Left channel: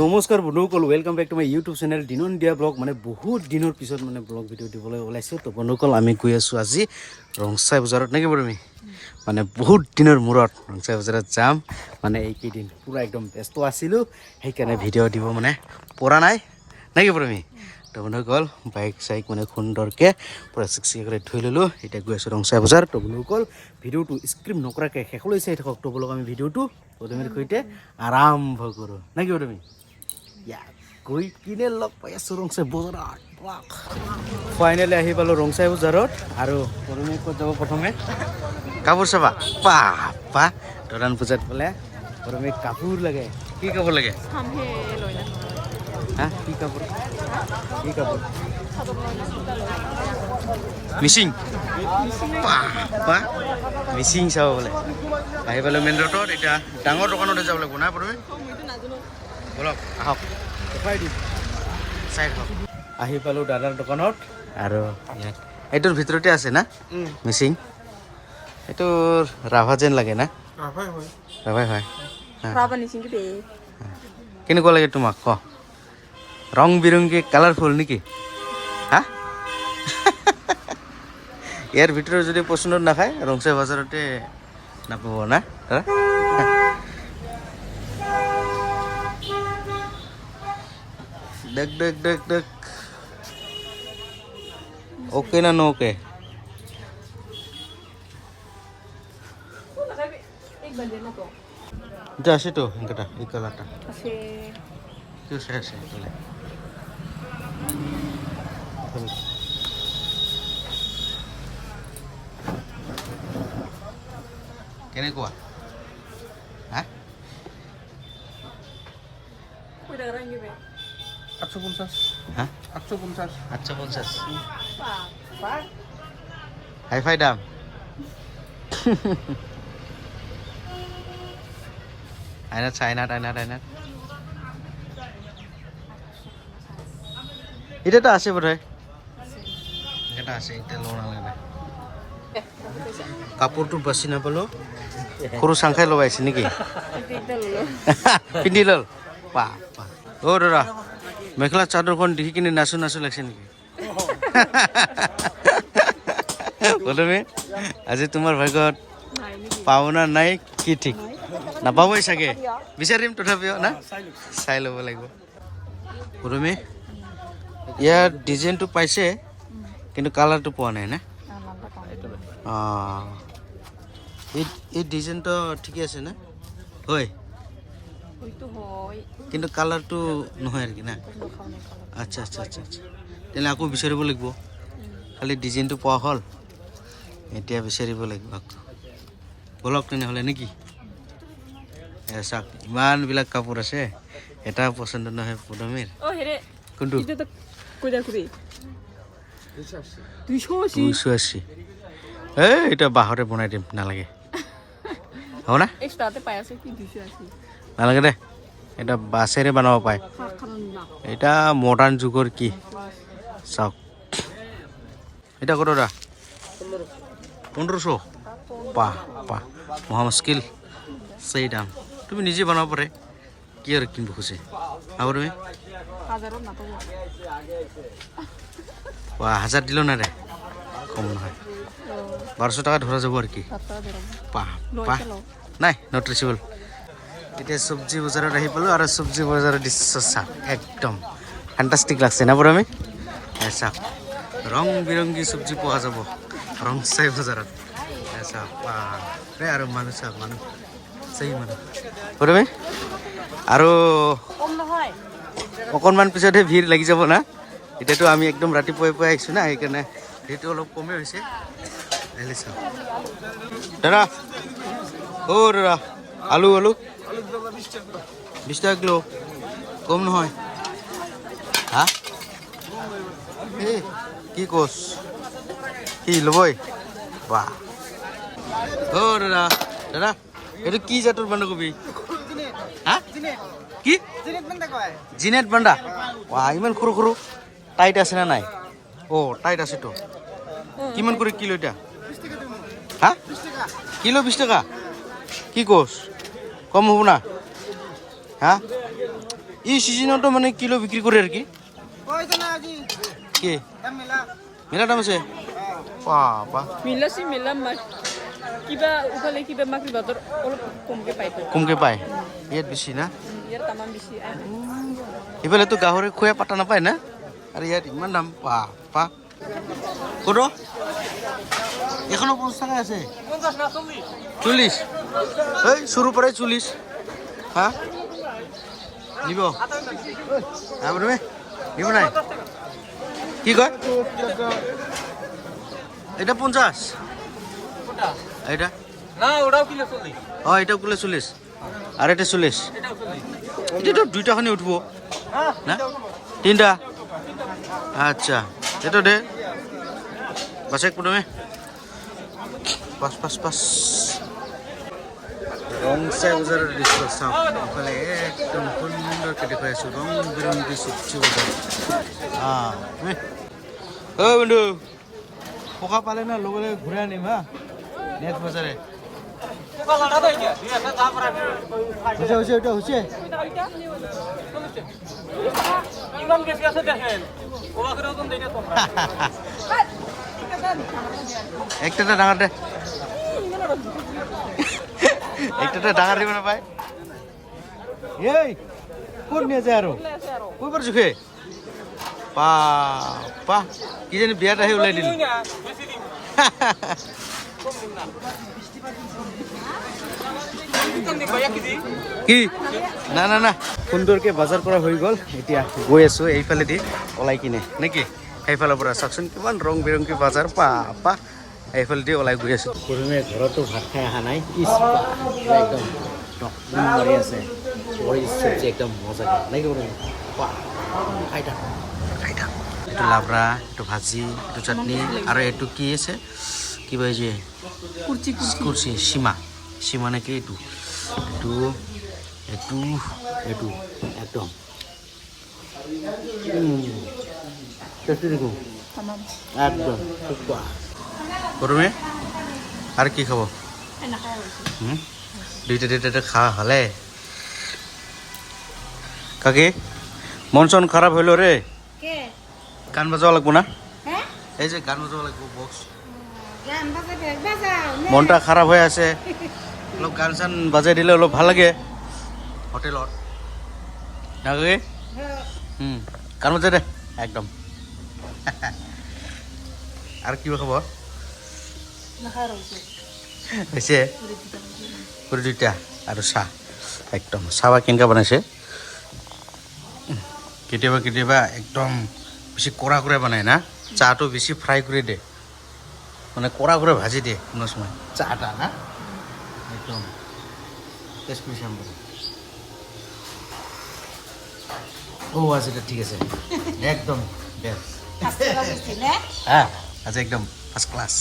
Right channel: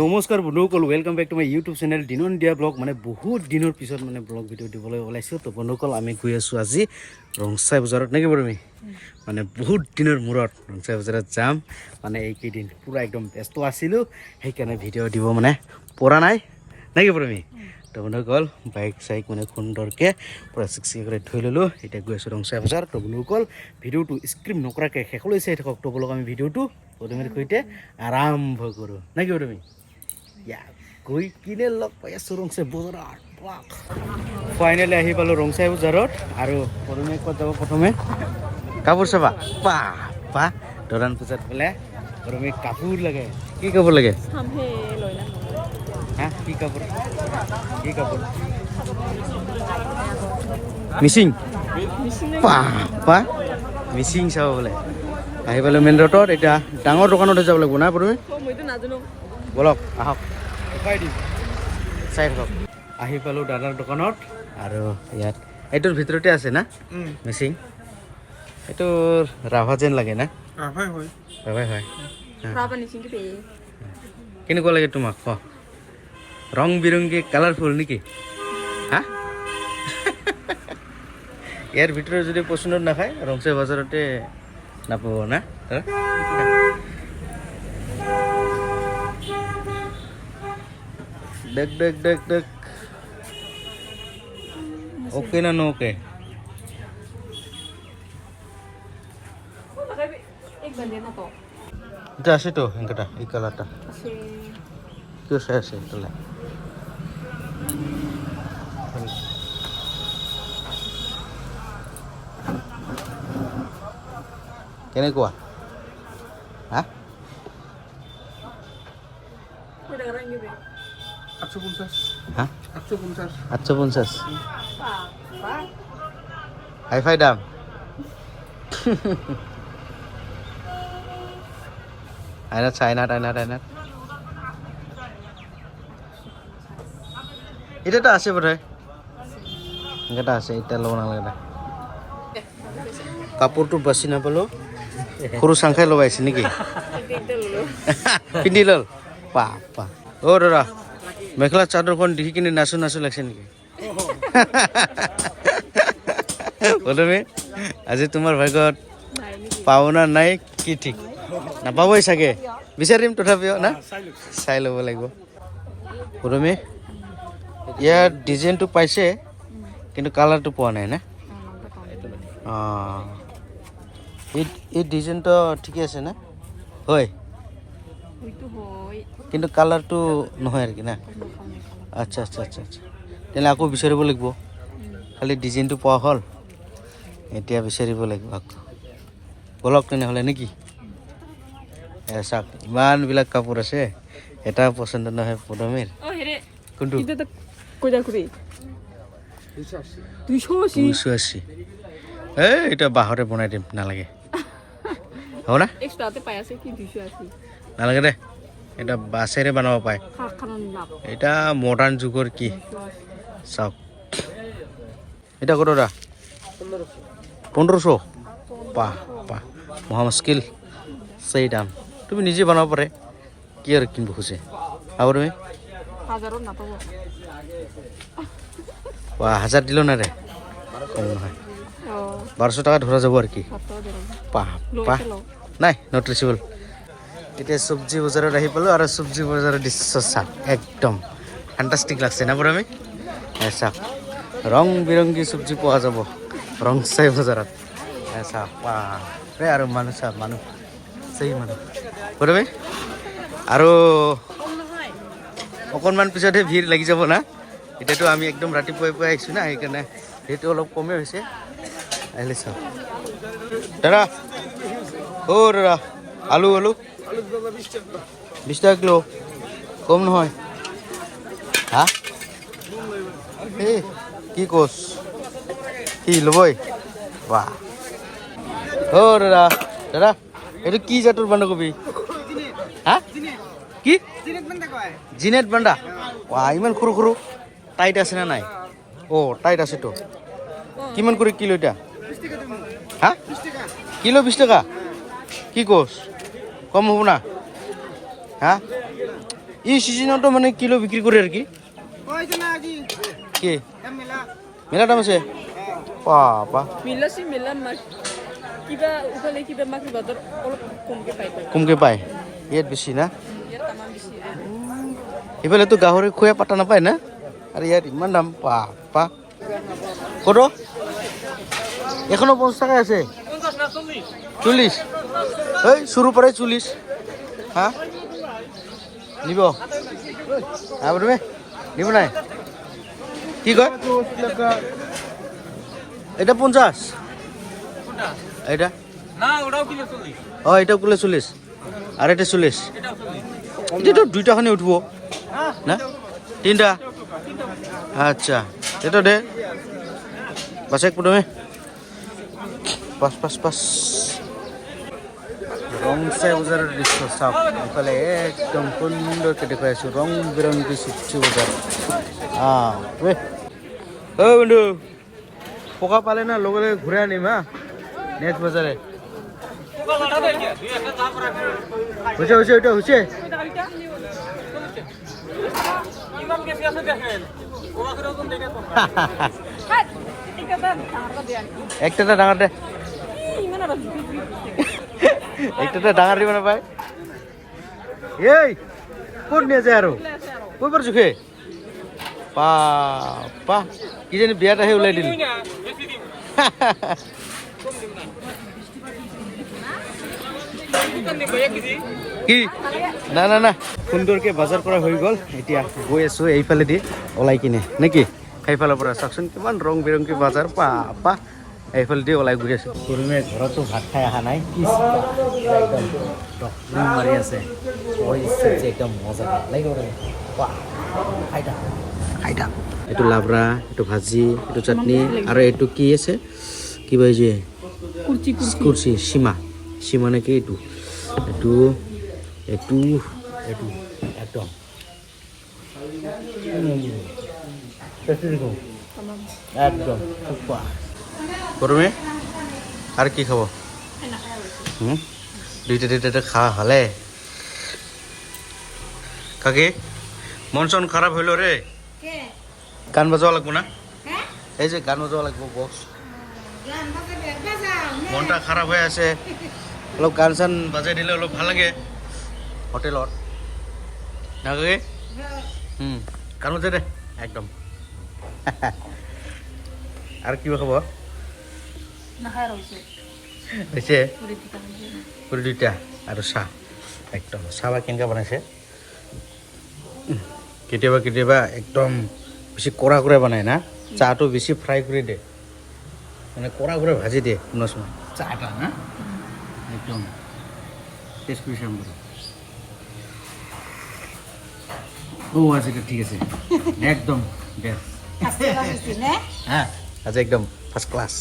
নমস্কাৰ বন্ধুসকল, welcome back to my YouTube channel দিন দিয়া ব্লগ। মানে বহুত দিনৰ পিছত মানে ব্লগ ভিডিঅ' দিবলৈ ওলাইছোঁ। তো বন্ধুসকল, আমি গৈ আছোঁ আজি ৰংচাই বজাৰত নেকি বাৰু আমি মানে বহুত দিনৰ মূৰত ৰংচাই বজাৰত যাম। মানে এইকেইদিন পূৰা একদম ব্যস্ত আছিলোঁ, সেইকাৰণে ভিডিঅ' দিব মানে পৰা নাই নেকি বাৰু আমি। তো বন্ধুসকল, বাইক চাইক মানে সুন্দৰকৈ পূৰা চিকচিক কৰি থৈ ল'লোঁ। এতিয়া গৈ আছোঁ ৰংচাই বজাৰ। তো বন্ধুসকল, ভিডিঅ'টো স্ক্ৰিপ্ট নকৰাকৈ শেষলৈ চাই থাকক। তো বলক আমি ভিডিঅ'টো প্ৰথমে সৈতে আৰম্ভ কৰোঁ নেকি বাৰু আমি। গৈ কিনে লগ পাই আছোঁ ৰংচাই বজাৰত। ফাইনেলি আহি পালোঁ ৰংচাই বজাৰত। আৰু প্ৰথমে ক'ত যাব? প্ৰথমে কাপোৰ চাবা। পা দৰাণ পূজাত বোলে প্ৰথমে কাপোৰ লাগে। কি কাপোৰ লাগে? হা, কি কাপোৰ? কি কাপোৰ? মিচিং। পা মিচিং চাব বোলে। আহি পালোঁ মেইন ৰোডত। এতিয়া ডাঙৰ দোকানতে যাব লাগিব না প্ৰথমে। বলক আহক, দেখুৱাই দিম, চাই থাকক। আহি পালোঁ দাদাৰ দোকানত। আৰু ইয়াত এইটোৰ ভিতৰতে আছে না মিচিং? এইটো ৰাভা যেন লাগে না? ৰাভাই হয়। কেনেকুৱা লাগে তোমাক ক? ৰং বিৰংগী কালাৰফুল নেকি? হা ইয়াৰ ভিতৰত যদি পচন্দত নাখায় ৰংচাই বজাৰতে নাপাব না দাদা? দেখ দেখ দেখ দেখ, ওকে না নো ওকে? এটা আছে তো এটা, এই কালারটা কেউ চাই আছে তাহলে। কেনেকুৱা? হা 850 হাইফাই দাম। আইনাত চাইনাত এটাতো আছে বোধহয়, এটা আছে। এটা ল'ব নালাগে। কাপোৰটো বাচি নাপালোঁ, সৰু চাংখাই লগাইছে নেকি? পিন্ধি ল'ল। পা অ' দাদা, মেখেলা চাদৰখন দেখি কিনে নাচো লাগিছে নেকি? প্ৰথমে আজি তোমাৰ ভাগ্যত পাও না নাই কি ঠিক, নাপাবই চাগে। বিচাৰিম তথাপিও না, চাই ল'ব লাগিব। প্ৰথমে ইয়াৰ ডিজাইনটো পাইছে কিন্তু কালাৰটো পোৱা নাই না? অঁ, এই ডিজাইনটো ঠিকে আছে না? হয়, কিন্তু কালাৰটো নহয় আৰু কি না? আচ্ছা তেনেহ'লে আকৌ বিচাৰিব লাগিব। খালি ডিজাইনটো পোৱা হ'ল, এতিয়া বিচাৰিব লাগিব আকৌ। বলক তেনেহ'লে নেকি? চাওক, ইমানবিলাক কাপোৰ আছে, এটা পচন্দ নহয় প্ৰথমে। কোনটো? 280। এটা বাঁহৰে বনাই দিম, নালাগে হ'ব না? নালাগে দে, এটা বাছেৰে বনাব পায়। এটা মডাৰ্ণ যুগৰ কি চাওক। এটা কত দা? 1500। পা মহা মুস্কিল, সেই দাম। তুমি নিজে বনাব পাৰে, কি আৰু কিনিব খুজে আৰু তুমি? 1000 দিলেও নাই দে, কম নহয়। 1200 টাকা ধৰা যাব আৰু কি। পা নাই, নট ৰিচেবল। এতিয়া চব্জি বজাৰত আহি পালোঁ। আৰু চব্জি বজাৰৰ দৃশ্য চাওক, একদম ফেণ্টাষ্টিক লাগছে না? আমি চাওক, ৰং বিৰংগী চব্জি পোৱা যাব ৰংচাই বজাৰত। চাওক বাপৰে, আৰু মানুহ চাওক, মানুহ প্ৰথমে। আৰু অকণমান পিছতহে ভিৰ লাগি যাব না? এতিয়াতো আমি একদম ৰাতিপুৱাই আহিছোঁ না, সেইকাৰণে ভিৰটো অলপ কমেই হৈছে। আহিলে চাওক দাদা, দাদা, আলু 20 টাকা কিলো, কম নহয়? হা, কি কোচ, কি ল'বই? বাহ, দাদা এইটো কি জাতৰ বন্ধাকবি? হা, কি জিনেট বান্দা? ইমান সৰু টাইট আছে না নাই? টাইট আছেতো। কিমান করে কিলো এটা? হা, কিলো 20 টাকা? কি কোচ, কম হ'ব না? হা, এই সিজনতো মানে কিলো বিক্রি করে আর কি কি মেলা দাম আছে বাবা কমকে পায় ইয়াত বেছি না এইফালেতো গাহৰি খোৱা পাতা নাপায় না আৰু ইয়াত ইমান দাম বাবা কত এখনো 50 টাকা আছে 40 এই শুরু পরে 40 হ্যাঁ নিব আপনি নিব নাই কি কয় এটা 50 এটা না ওটাও কিলো 40 ও এটাও কিলো 40 আর এটা 40 এটা তো দুইটা খানি উঠবো না তিনটা আচ্ছা এটা দে বাস এক প্রথমে পাস রংসাই বজারের দৃশ্য চাওক ইফালে একদম সুন্দৰকৈ দেখুৱাই আছো ৰং বিৰংগী চব্জি বজাৰ ও বন্ধু পকা পালে না লগে লগে ঘূৰাই আনিম হা নেক্সট বজাৰে হৈছে এটা হৈছে একটা ডাঙৰ দে একটা ডাঙৰ দিব নাপায় এই ক'ত নিয়ে যায় আৰু কৈ পাৰ জোখে পা কিজানি বিয়াত আহি ওলাই দিল কি না না না সুন্দৰকে বজাৰ কৰা হৈ গ'ল এতিয়া গৈ আছো এইফালেদি ওলাই কিনি নেকি সেইফালৰ পৰা চাওকচোন কিমান ৰং বিৰংগী বজাৰ পা এইফালেদি ওলাই গৈ আছো পৰমে ঘৰতো ভাত খাই অহা নাই একদম টকলি মাৰি আছে চব্জি একদম মজা লাগিব খাইটা এইটো লাবৰা এইটো ভাজি এইটো চাটনি আৰু এইটো কি আছে কিবা এই যে কুৰ্চি সীমা নেকি এইটো একদম একদম গরমে আর কি খাবো দুইটা খাওয়া হলে কাকি মন চন খারাপ হইল রে গান বাজাওয়া লাগবো না এই যে গান বাজাওয়া লাগবো বক্স মনটা খারাপ হয়ে আছে অলপ গান চান বাজাই দিলে অলপ ভাল লাগে হোটেলত না কাকি গান বাজাই দে একদম আর কিবা খাব হৈছে পুৰি দুইটা আৰু চাহ একদম চাহ কেনেকৈ বনাইছে কেতিয়াবা একদম বেছি কৰা বনায় না চাহটো বেছি ফ্ৰাই কৰি দিয়ে মানে কৰা ভাজি দিয়ে কোনোবা সময় চাহটা না একদম টেষ্ট কৰি চাম আচ্ছা ঠিক আছে একদম বেষ্ট আজি একদম ফাৰ্স্ট ক্লাস